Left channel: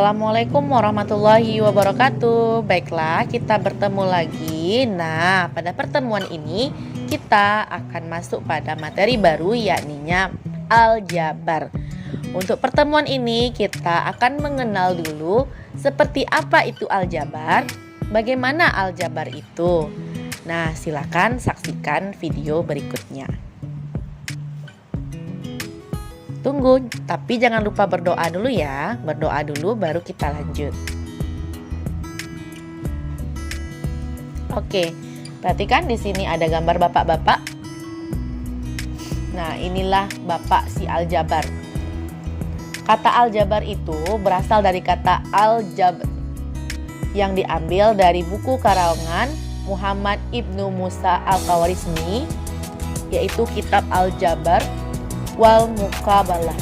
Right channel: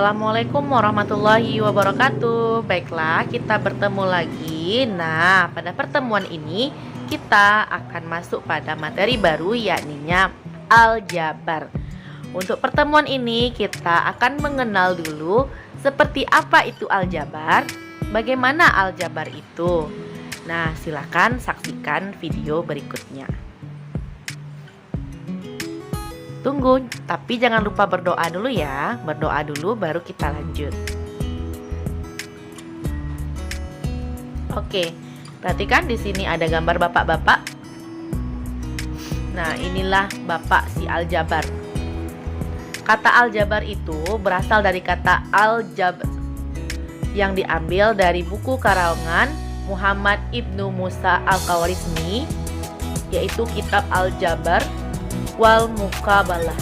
Assalamualaikum warahmatullahi wabarakatuh. Baiklah, kita bertemu lagi. Nah, pada pertemuan ini kita akan masuk pada materi baru, yakninya aljabar. Untuk pertemuan ini kita akan mengenal dulu seperti apa itu aljabar, bagaimana aljabar itu. Nah, silakan saksikan video berikutnya. Tunggu, tapi jangan lupa berdoa dulu ya. Berdoa dulu baru kita lanjut. Oke, perhatikan di sini ada gambar bapak-bapak. Nah, inilah bapak si aljabar. Kata aljabar itu berasal dari kata al-jabr yang diambil dari buku karangan Muhammad Ibnu Musa Al-Khwarizmi, yaitu kitab Al-Jabar wal Muqabalah,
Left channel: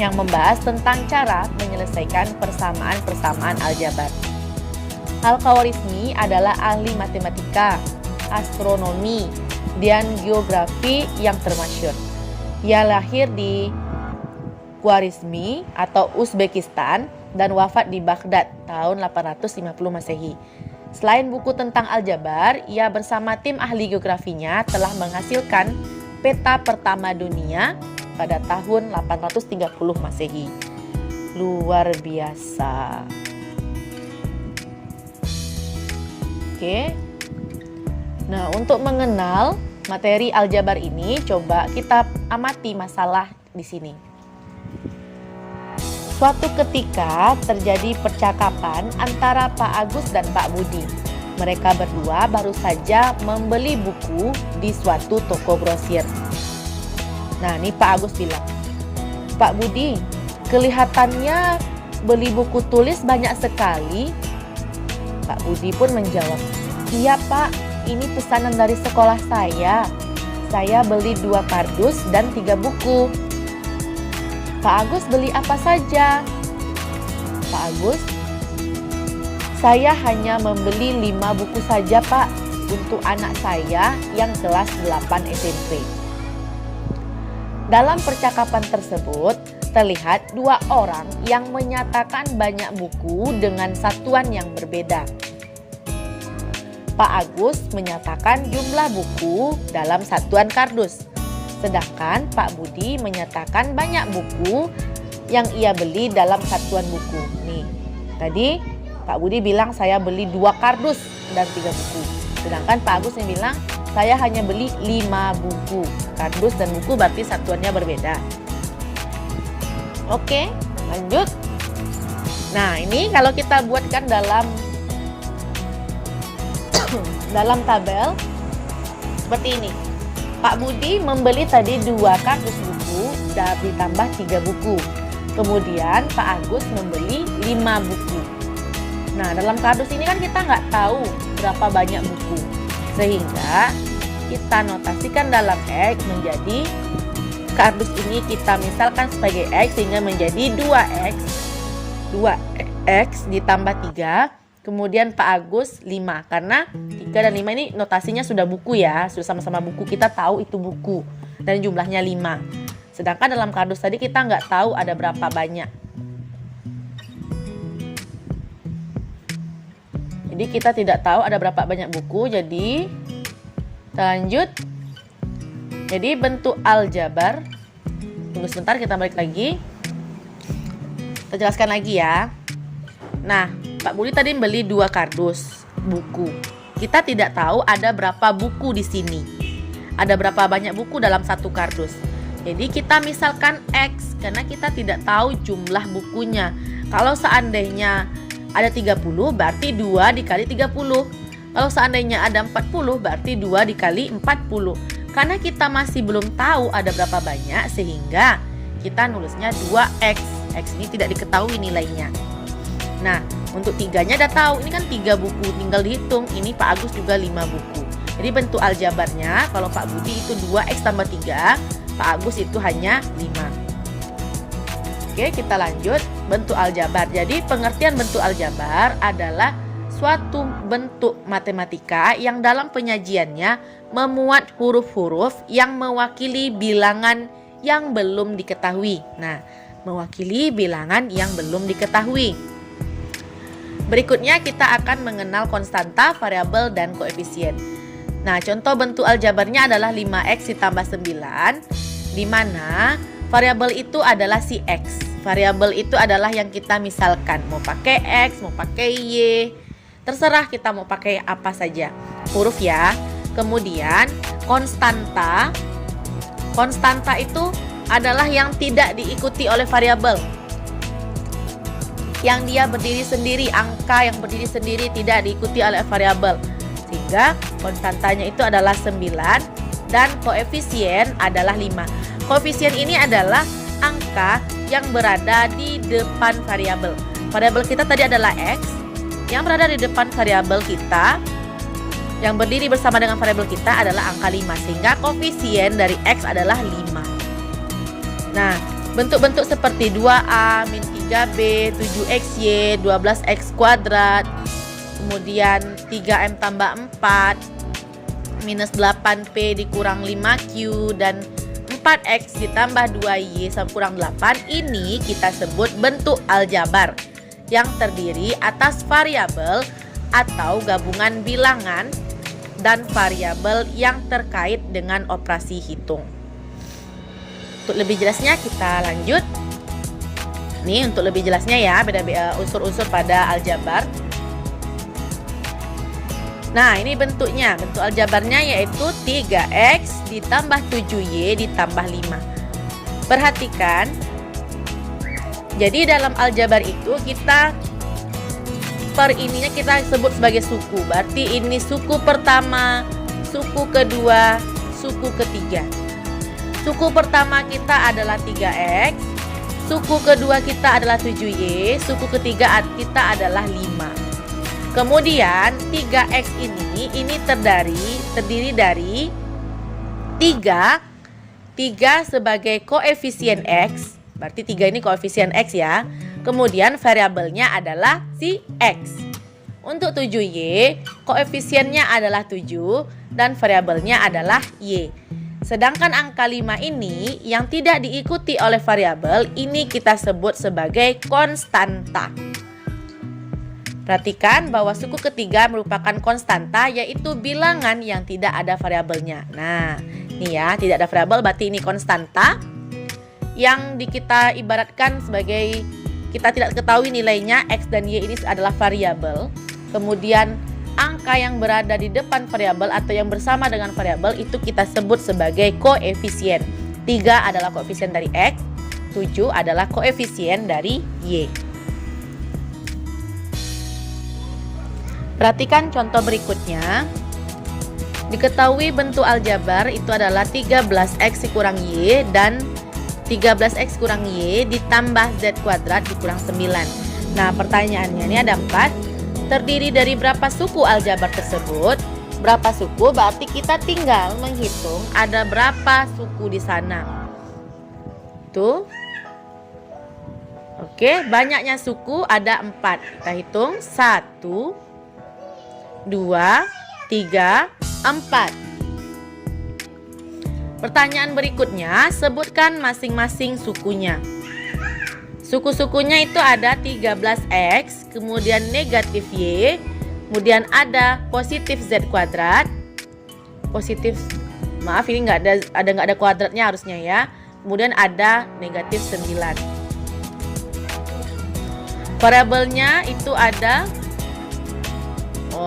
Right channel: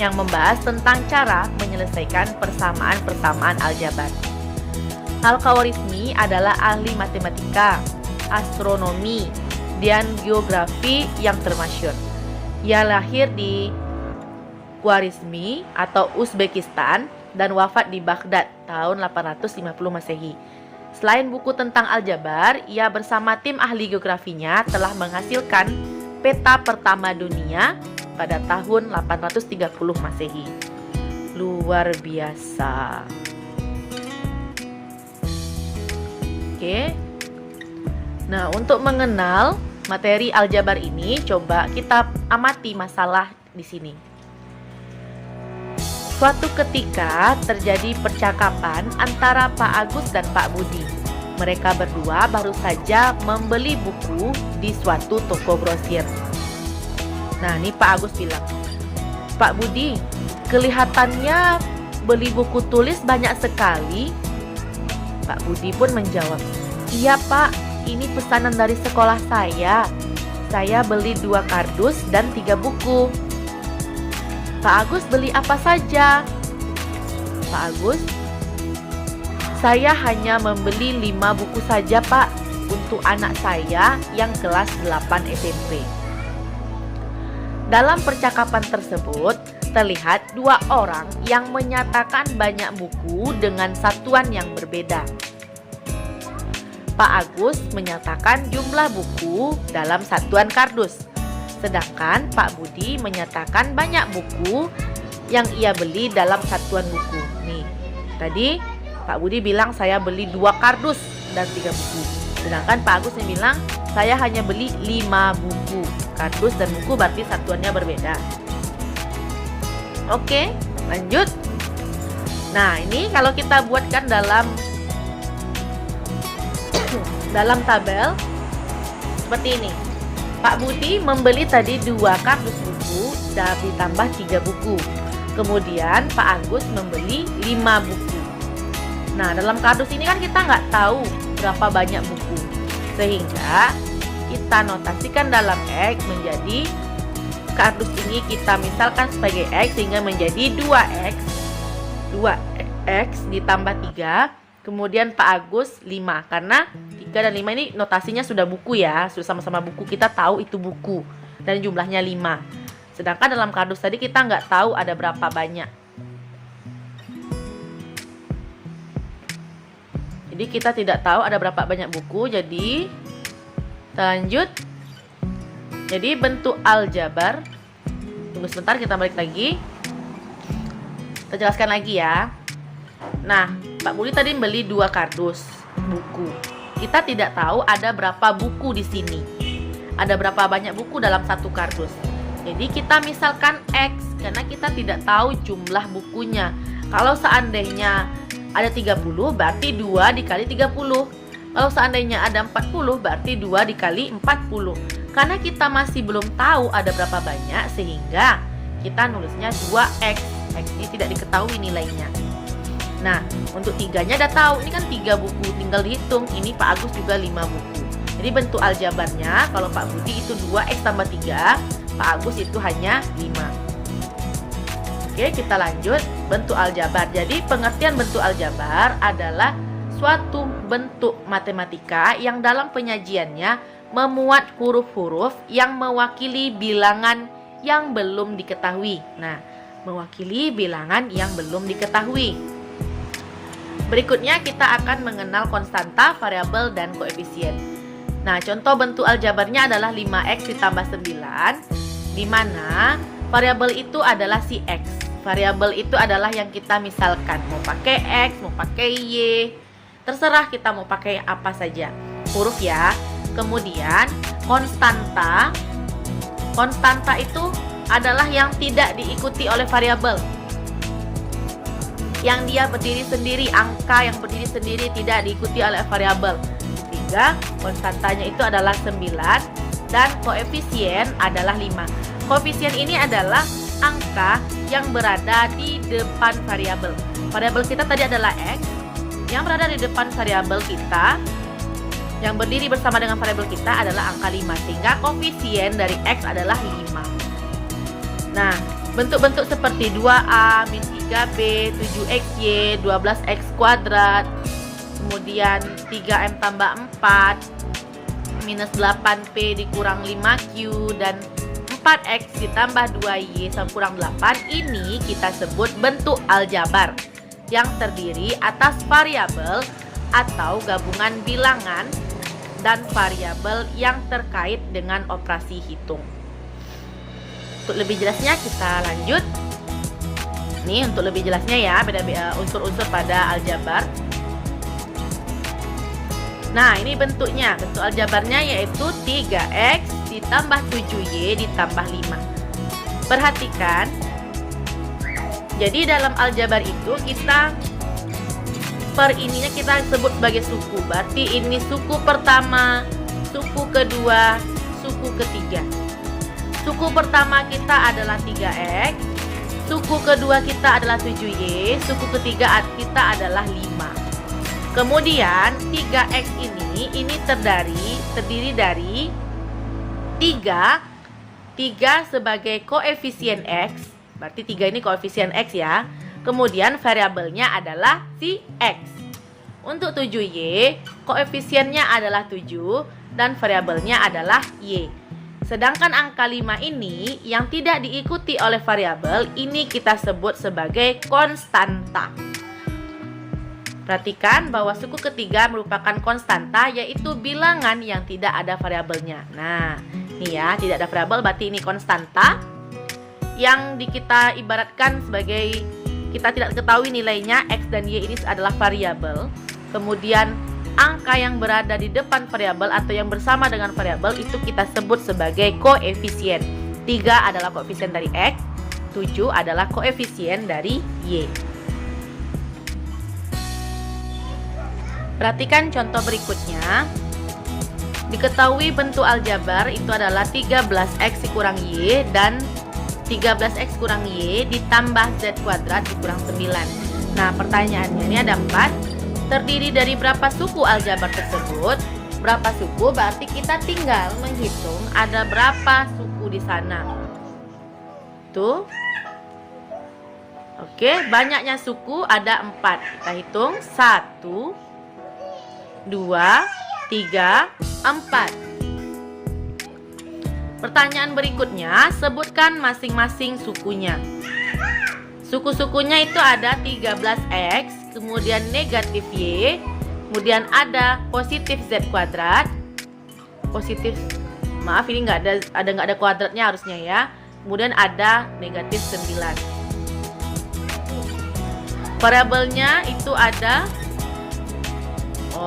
yang membahas tentang cara menyelesaikan persamaan-persamaan aljabar. Al-Khwarizmi adalah ahli matematika, astronomi, dan geografi yang termasyhur. Ia lahir di Khwarizmi atau Uzbekistan dan wafat di Baghdad tahun 850 Masehi. Selain buku tentang aljabar, ia bersama tim ahli geografinya telah menghasilkan peta pertama dunia pada tahun 830 Masehi. Luar biasa. Oke. Nah, untuk mengenal materi aljabar ini, coba kita amati masalah di sini. Suatu ketika terjadi percakapan antara Pak Agus dan Pak Budi. Mereka berdua baru saja membeli buku di suatu toko grosir. Nah, ini Pak Agus bilang, "Pak Budi, kelihatannya beli buku tulis banyak sekali." Pak Budi pun menjawab, "Iya Pak, ini pesanan dari sekolah saya. Saya beli 2 kardus dan 3 buku." "Pak Agus beli apa saja?" "Pak Agus, saya hanya membeli 5 buku saja Pak, untuk anak saya yang kelas 8 SMP. Dalam percakapan tersebut, terlihat 2 orang yang menyatakan banyak buku dengan satuan yang berbeda. Pak Agus menyatakan jumlah buku dalam satuan kardus, sedangkan Pak Budi menyatakan banyak buku yang ia beli dalam satuan buku. Nih, tadi Pak Budi bilang saya beli 2 kardus dan 3 buku. Sedangkan Pak Agus yang bilang saya hanya beli 5 buku. Kardus dan buku berarti satuannya berbeda. Oke, lanjut. Nah, ini kalau kita buatkan dalam tabel seperti ini. Pak Budi membeli tadi 2 kardus buku dan ditambah 3 buku. Kemudian Pak Agus membeli 5 buku. Nah, dalam kardus ini kan kita nggak tahu berapa banyak buku, sehingga kita notasikan dalam X menjadi kardus ini kita misalkan sebagai X, sehingga menjadi 2X ditambah 3, kemudian Pak Agus 5, karena 3 dan 5 ini notasinya sudah buku ya, sudah sama-sama buku, kita tahu itu buku dan jumlahnya 5. Sedangkan dalam kardus tadi kita nggak tahu ada berapa banyak. Jadi kita tidak tahu ada berapa banyak buku. Jadi kita lanjut. Jadi bentuk aljabar. Tunggu sebentar, kita balik lagi. Kita jelaskan lagi ya. Nah, Pak Budi tadi beli 2 kardus buku. Kita tidak tahu ada berapa buku di sini. Ada berapa banyak buku dalam satu kardus. Jadi kita misalkan X karena kita tidak tahu jumlah bukunya. Kalau seandainya ada 30 berarti 2 dikali 30. Kalau seandainya ada 40 berarti 2 dikali 40. Karena kita masih belum tahu ada berapa banyak, sehingga kita nulisnya 2X. X ini tidak diketahui nilainya. Nah, untuk 3-nya udah tahu, ini kan 3 buku, tinggal dihitung. Ini Pak Agus juga 5 buku. Jadi bentuk aljabarnya, kalau Pak Budi itu 2X tambah 3, Pak Agus itu hanya 5. Oke, kita lanjut. Bentuk aljabar. Jadi pengertian bentuk aljabar adalah suatu bentuk matematika yang dalam penyajiannya memuat huruf-huruf yang mewakili bilangan yang belum diketahui. Nah, mewakili bilangan yang belum diketahui. Berikutnya kita akan mengenal konstanta, variabel, dan koefisien. Nah, contoh bentuk aljabarnya adalah 5x ditambah 9, di mana variabel itu adalah si x. Variabel itu adalah yang kita misalkan, mau pakai x, mau pakai y, terserah kita mau pakai apa saja, huruf ya. Kemudian konstanta itu adalah yang tidak diikuti oleh variabel, yang dia berdiri sendiri, angka yang berdiri sendiri tidak diikuti oleh variabel. Sehingga konstantanya itu adalah 9 dan koefisien adalah 5. Koefisien ini adalah angka yang berada di depan variabel. Variabel kita tadi adalah x, yang berada di depan variabel kita, yang berdiri bersama dengan variabel kita adalah angka 5. Sehingga koefisien dari x adalah 5. Nah, bentuk-bentuk seperti 2a, min 3b, 7xy, 12x kuadrat, kemudian 3m tambah 4, minus 8p dikurang 5q, dan 4x ditambah 2y sama kurang 8, ini kita sebut bentuk aljabar yang terdiri atas variabel atau gabungan bilangan dan variabel yang terkait dengan operasi hitung. Untuk lebih jelasnya kita lanjut. Nih untuk lebih jelasnya ya, beda-beda unsur-unsur pada aljabar. Nah, ini bentuknya. Bentuk aljabarnya yaitu 3x ditambah 7y ditambah 5. Perhatikan. Jadi dalam aljabar itu kita per ininya kita sebut sebagai suku. Berarti ini suku pertama, suku kedua, suku ketiga. Suku pertama kita adalah 3x, suku kedua kita adalah 7y, suku ketiga kita adalah 5. Kemudian 3x ini terdiri dari 3 sebagai koefisien x, berarti 3 ini koefisien x ya. Kemudian variabelnya adalah si x. Untuk 7y, koefisiennya adalah 7 dan variabelnya adalah y. Sedangkan angka 5 ini yang tidak diikuti oleh variabel, ini kita sebut sebagai konstanta. Perhatikan bahwa suku ketiga merupakan konstanta, yaitu bilangan yang tidak ada variabelnya. Nah, ini ya, tidak ada variabel berarti ini konstanta yang kita ibaratkan sebagai kita tidak ketahui nilainya, x dan y ini adalah variabel. Kemudian angka yang berada di depan variabel atau yang bersama dengan variabel itu kita sebut sebagai koefisien. 3 adalah koefisien dari x, 7 adalah koefisien dari y. Perhatikan contoh berikutnya. Diketahui bentuk aljabar itu adalah 13x kurang y dan 13x kurang y ditambah z kuadrat dikurang 9. Nah, pertanyaannya ini ada 4. Terdiri dari berapa suku aljabar tersebut? Berapa suku? Berarti kita tinggal menghitung ada berapa suku di sana. Tuh. Oke, banyaknya suku ada 4. Kita hitung 1, 2, 3, 4. Pertanyaan berikutnya, sebutkan masing-masing sukunya. Suku-sukunya itu ada 13x, kemudian negatif y, kemudian ada positif z kuadrat. Positif, maaf ini nggak ada kuadratnya harusnya ya. Kemudian ada negatif 9. Variabelnya itu ada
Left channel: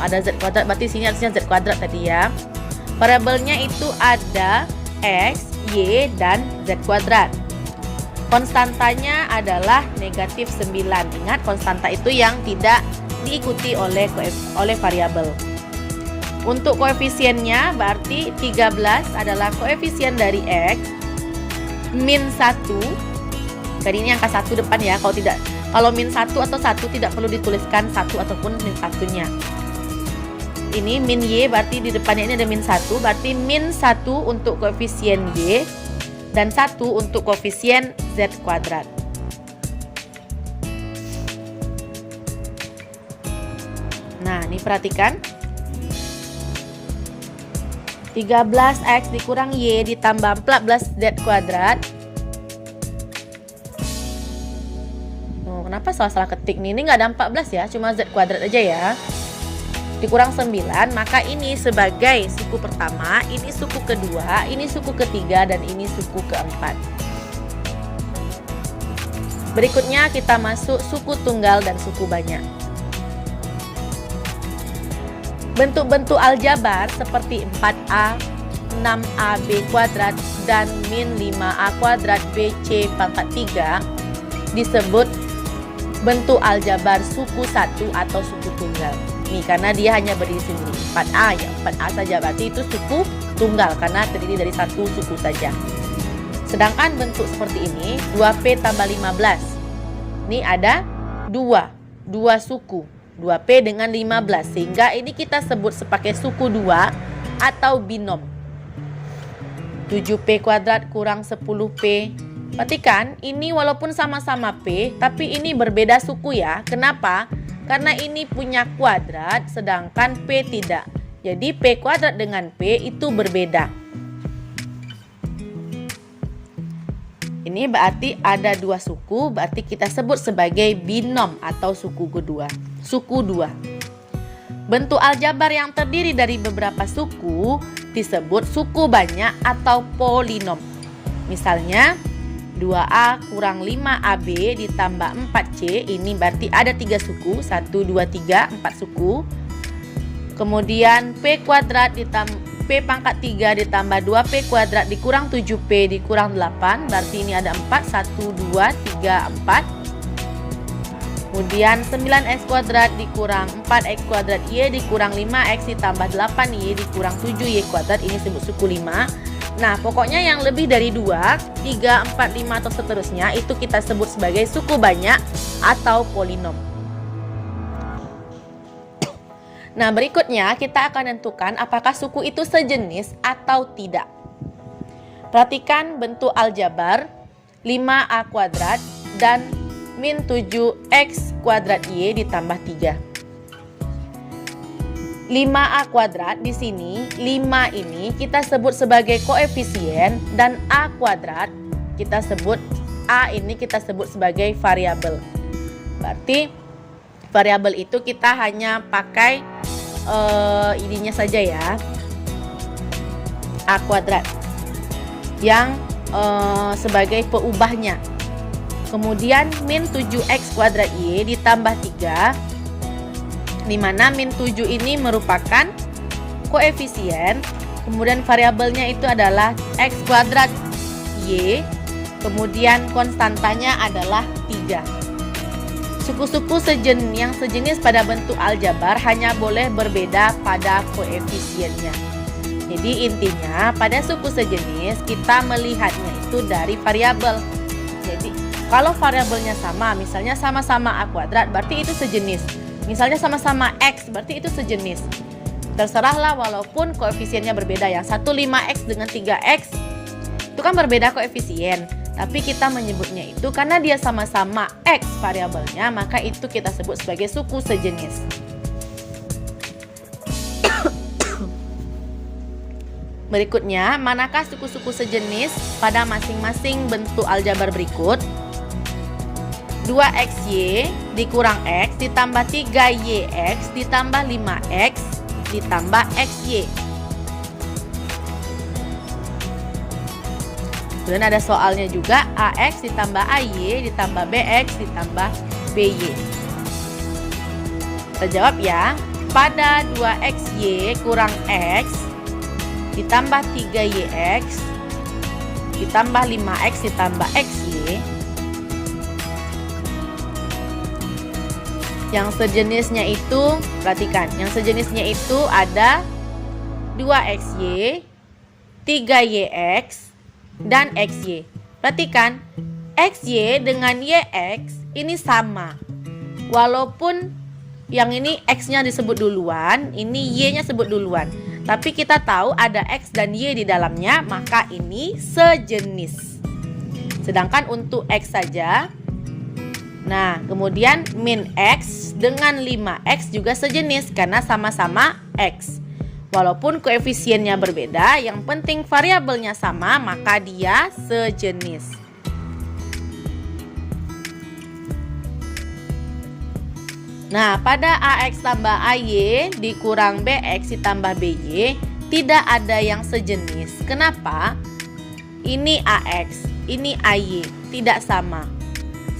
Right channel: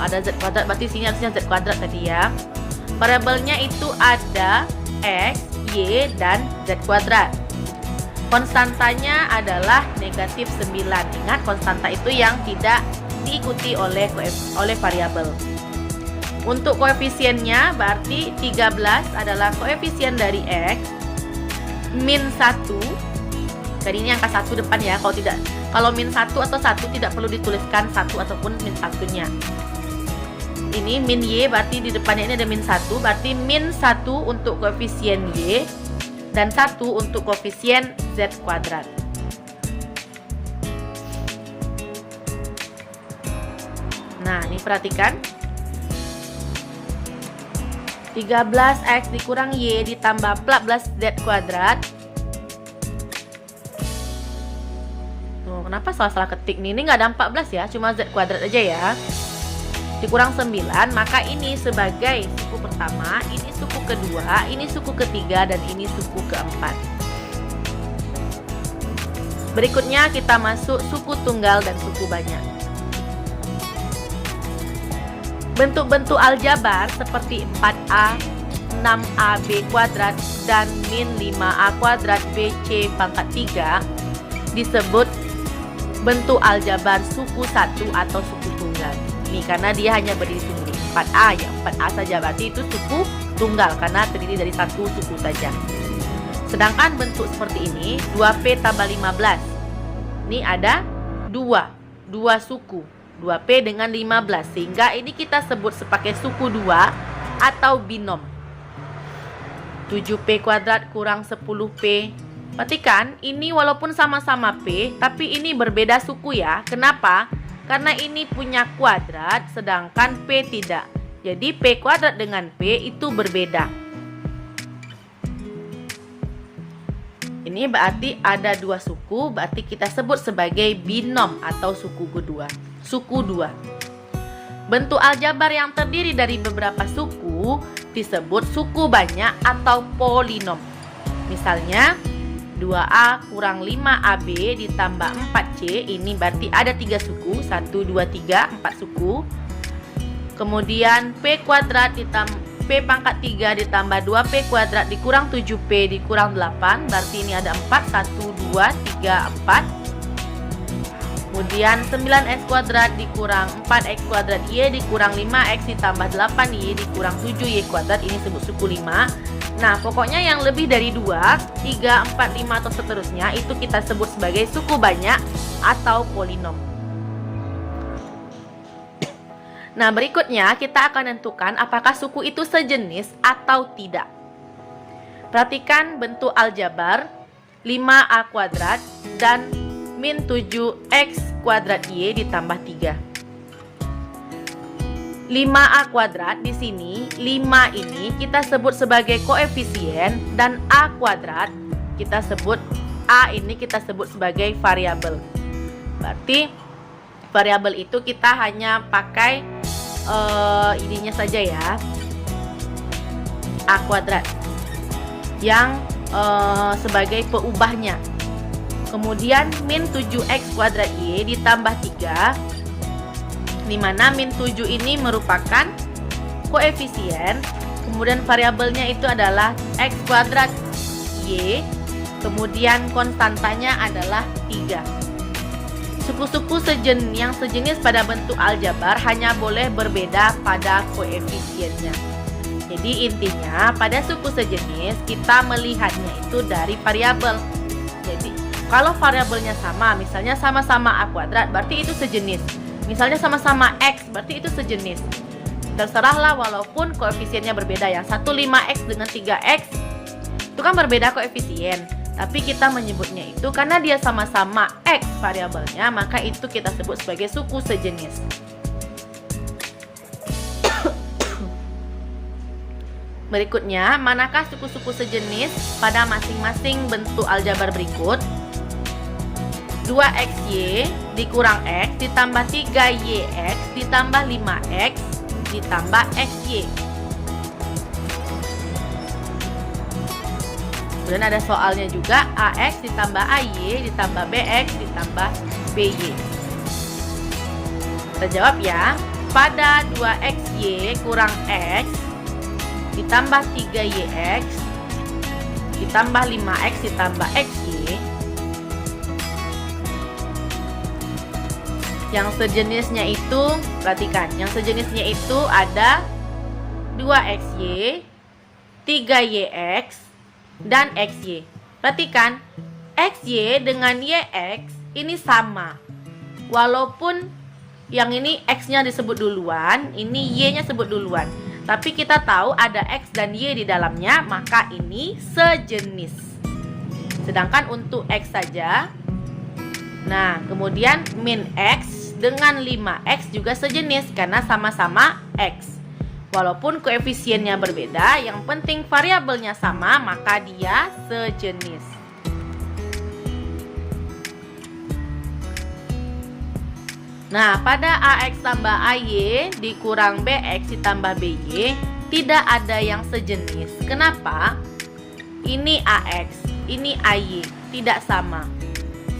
ada z kuadrat, berarti sini harusnya z kuadrat tadi ya. Variabelnya itu ada x, y, dan z kuadrat. Konstantanya adalah negatif 9. Ingat, konstanta itu yang tidak diikuti oleh variabel. Untuk koefisiennya berarti 13 adalah koefisien dari x, min 1. Jadi ini angka 1 depan ya. Kalau min 1 atau 1 tidak perlu dituliskan 1 ataupun min 1-nya. Ini min y, berarti di depannya ini ada min 1, berarti min 1 untuk koefisien y dan 1 untuk koefisien z kuadrat. Nah, ini perhatikan. 13x dikurang y ditambah 14z kuadrat salah ketik nih. Ini nggak ada 14 ya, cuma Z kuadrat aja ya. Dikurang 9, maka ini sebagai suku pertama, ini suku kedua, ini suku ketiga, dan ini suku keempat. Berikutnya kita masuk suku tunggal dan suku banyak. Bentuk-bentuk aljabar seperti 4A, 6AB kuadrat, dan min 5A kuadrat BC pangkat 3 disebut bentuk aljabar suku 1 atau suku tunggal. Nih, karena dia hanya berdiri sendiri 4A ya, 4A saja, berarti itu suku tunggal karena terdiri dari satu suku saja. Sedangkan bentuk seperti ini 2P tambah 15. Ini ada dua suku, 2P dengan 15, sehingga ini kita sebut sebagai suku 2 atau binom. 7P kuadrat kurang 10P. Perhatikan, ini walaupun sama-sama P, tapi ini berbeda suku ya. Kenapa? Karena ini punya kuadrat, sedangkan P tidak. Jadi P kuadrat dengan P itu berbeda. Ini berarti ada dua suku, berarti kita sebut sebagai binom atau suku kedua. Suku 2. Bentuk aljabar yang terdiri dari beberapa suku disebut suku banyak atau polinom. Misalnya 2A kurang 5AB ditambah 4C, ini berarti ada 3 suku, 1, 2, 3, 4 suku. Kemudian P kuadrat ditambah P pangkat 3 ditambah 2P kuadrat dikurang 7P dikurang 8, berarti ini ada 4, 1, 2, 3, 4. Kemudian 9X kuadrat dikurang 4X kuadrat Y dikurang 5X ditambah 8Y dikurang 7Y kuadrat, ini disebut suku 5. Nah, pokoknya yang lebih dari 2, 3, 4, 5 atau seterusnya itu kita sebut sebagai suku banyak atau polinom. Nah, berikutnya kita akan tentukan apakah suku itu sejenis atau tidak. Perhatikan bentuk aljabar 5A kuadrat dan min 7X kuadrat Y ditambah 3. 5A kuadrat di sini, 5 ini kita sebut sebagai koefisien dan A kuadrat kita sebut, A ini kita sebut sebagai variabel. Berarti variabel itu kita hanya pakai ininya saja ya, A kuadrat yang sebagai peubahnya. Kemudian min 7X kuadrat Y ditambah 3, di mana min 7 ini merupakan koefisien, kemudian variabelnya itu adalah X kuadrat Y, kemudian konstantanya adalah 3. Suku-suku yang sejenis pada bentuk aljabar hanya boleh berbeda pada koefisiennya. Jadi intinya pada suku sejenis kita melihatnya itu dari variabel. Jadi kalau variabelnya sama, misalnya sama-sama A kuadrat, berarti itu sejenis. Misalnya sama-sama X, berarti itu sejenis. Terserahlah walaupun koefisiennya berbeda. Yang satu 5X dengan 3X itu kan berbeda koefisien, tapi kita menyebutnya itu karena dia sama-sama X variabelnya, maka itu kita sebut sebagai suku sejenis. Berikutnya, manakah suku-suku sejenis pada masing-masing bentuk aljabar berikut? 2XY dikurang X ditambah 3YX ditambah 5X ditambah XY. Kemudian ada soalnya juga, AX ditambah AY ditambah BX ditambah BY. Kita jawab ya. Pada 2XY kurang X ditambah 3YX ditambah 5X ditambah XY, yang sejenisnya itu, perhatikan, yang sejenisnya itu ada 2XY, 3YX, dan XY. Perhatikan, XY dengan YX ini sama. Walaupun yang ini X-nya disebut duluan, ini Y-nya sebut duluan. Tapi kita tahu ada X dan Y di dalamnya, maka ini sejenis. Sedangkan untuk X saja, nah kemudian min X dengan 5X juga sejenis karena sama-sama X. Walaupun koefisiennya berbeda, yang penting variabelnya sama, maka dia sejenis. Nah, pada AX tambah AY dikurang BX ditambah BY tidak ada yang sejenis. Kenapa? Ini AX, ini AY, tidak sama.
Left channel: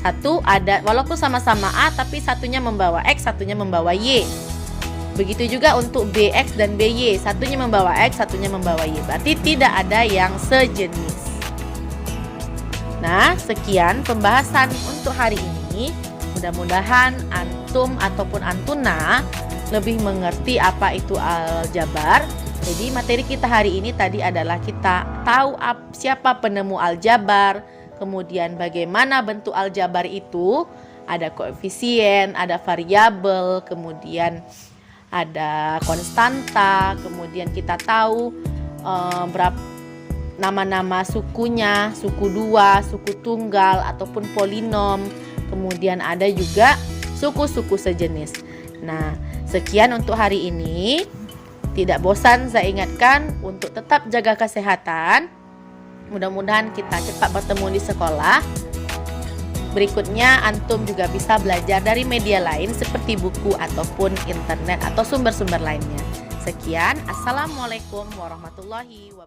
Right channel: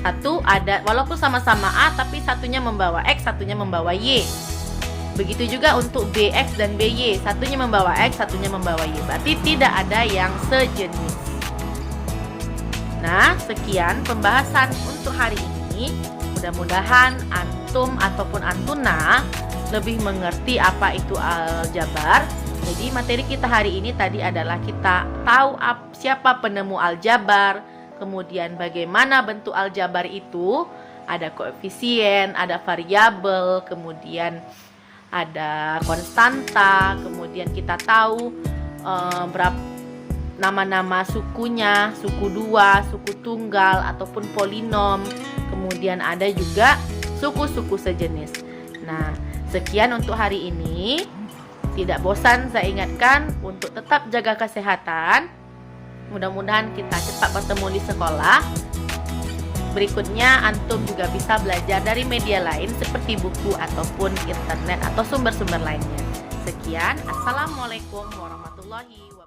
Satu ada, walaupun sama-sama A, tapi satunya membawa X, satunya membawa Y. Begitu juga untuk BX dan BY, satunya membawa X, satunya membawa Y. Berarti tidak ada yang sejenis. Nah, sekian pembahasan untuk hari ini. Mudah-mudahan antum ataupun antuna lebih mengerti apa itu aljabar. Jadi materi kita hari ini tadi adalah kita tahu siapa penemu aljabar, kemudian bagaimana bentuk aljabar itu, ada koefisien, ada variabel, kemudian ada konstanta, kemudian kita tahu berapa nama-nama sukunya, suku dua, suku tunggal ataupun polinom. Kemudian ada juga suku-suku sejenis. Nah, sekian untuk hari ini. Tidak bosan saya ingatkan untuk tetap jaga kesehatan. Mudah-mudahan kita cepat bertemu di sekolah. Berikutnya antum juga bisa belajar dari media lain seperti buku ataupun internet atau sumber-sumber lainnya. Sekian, assalamualaikum warahmatullahi wabarakatuh.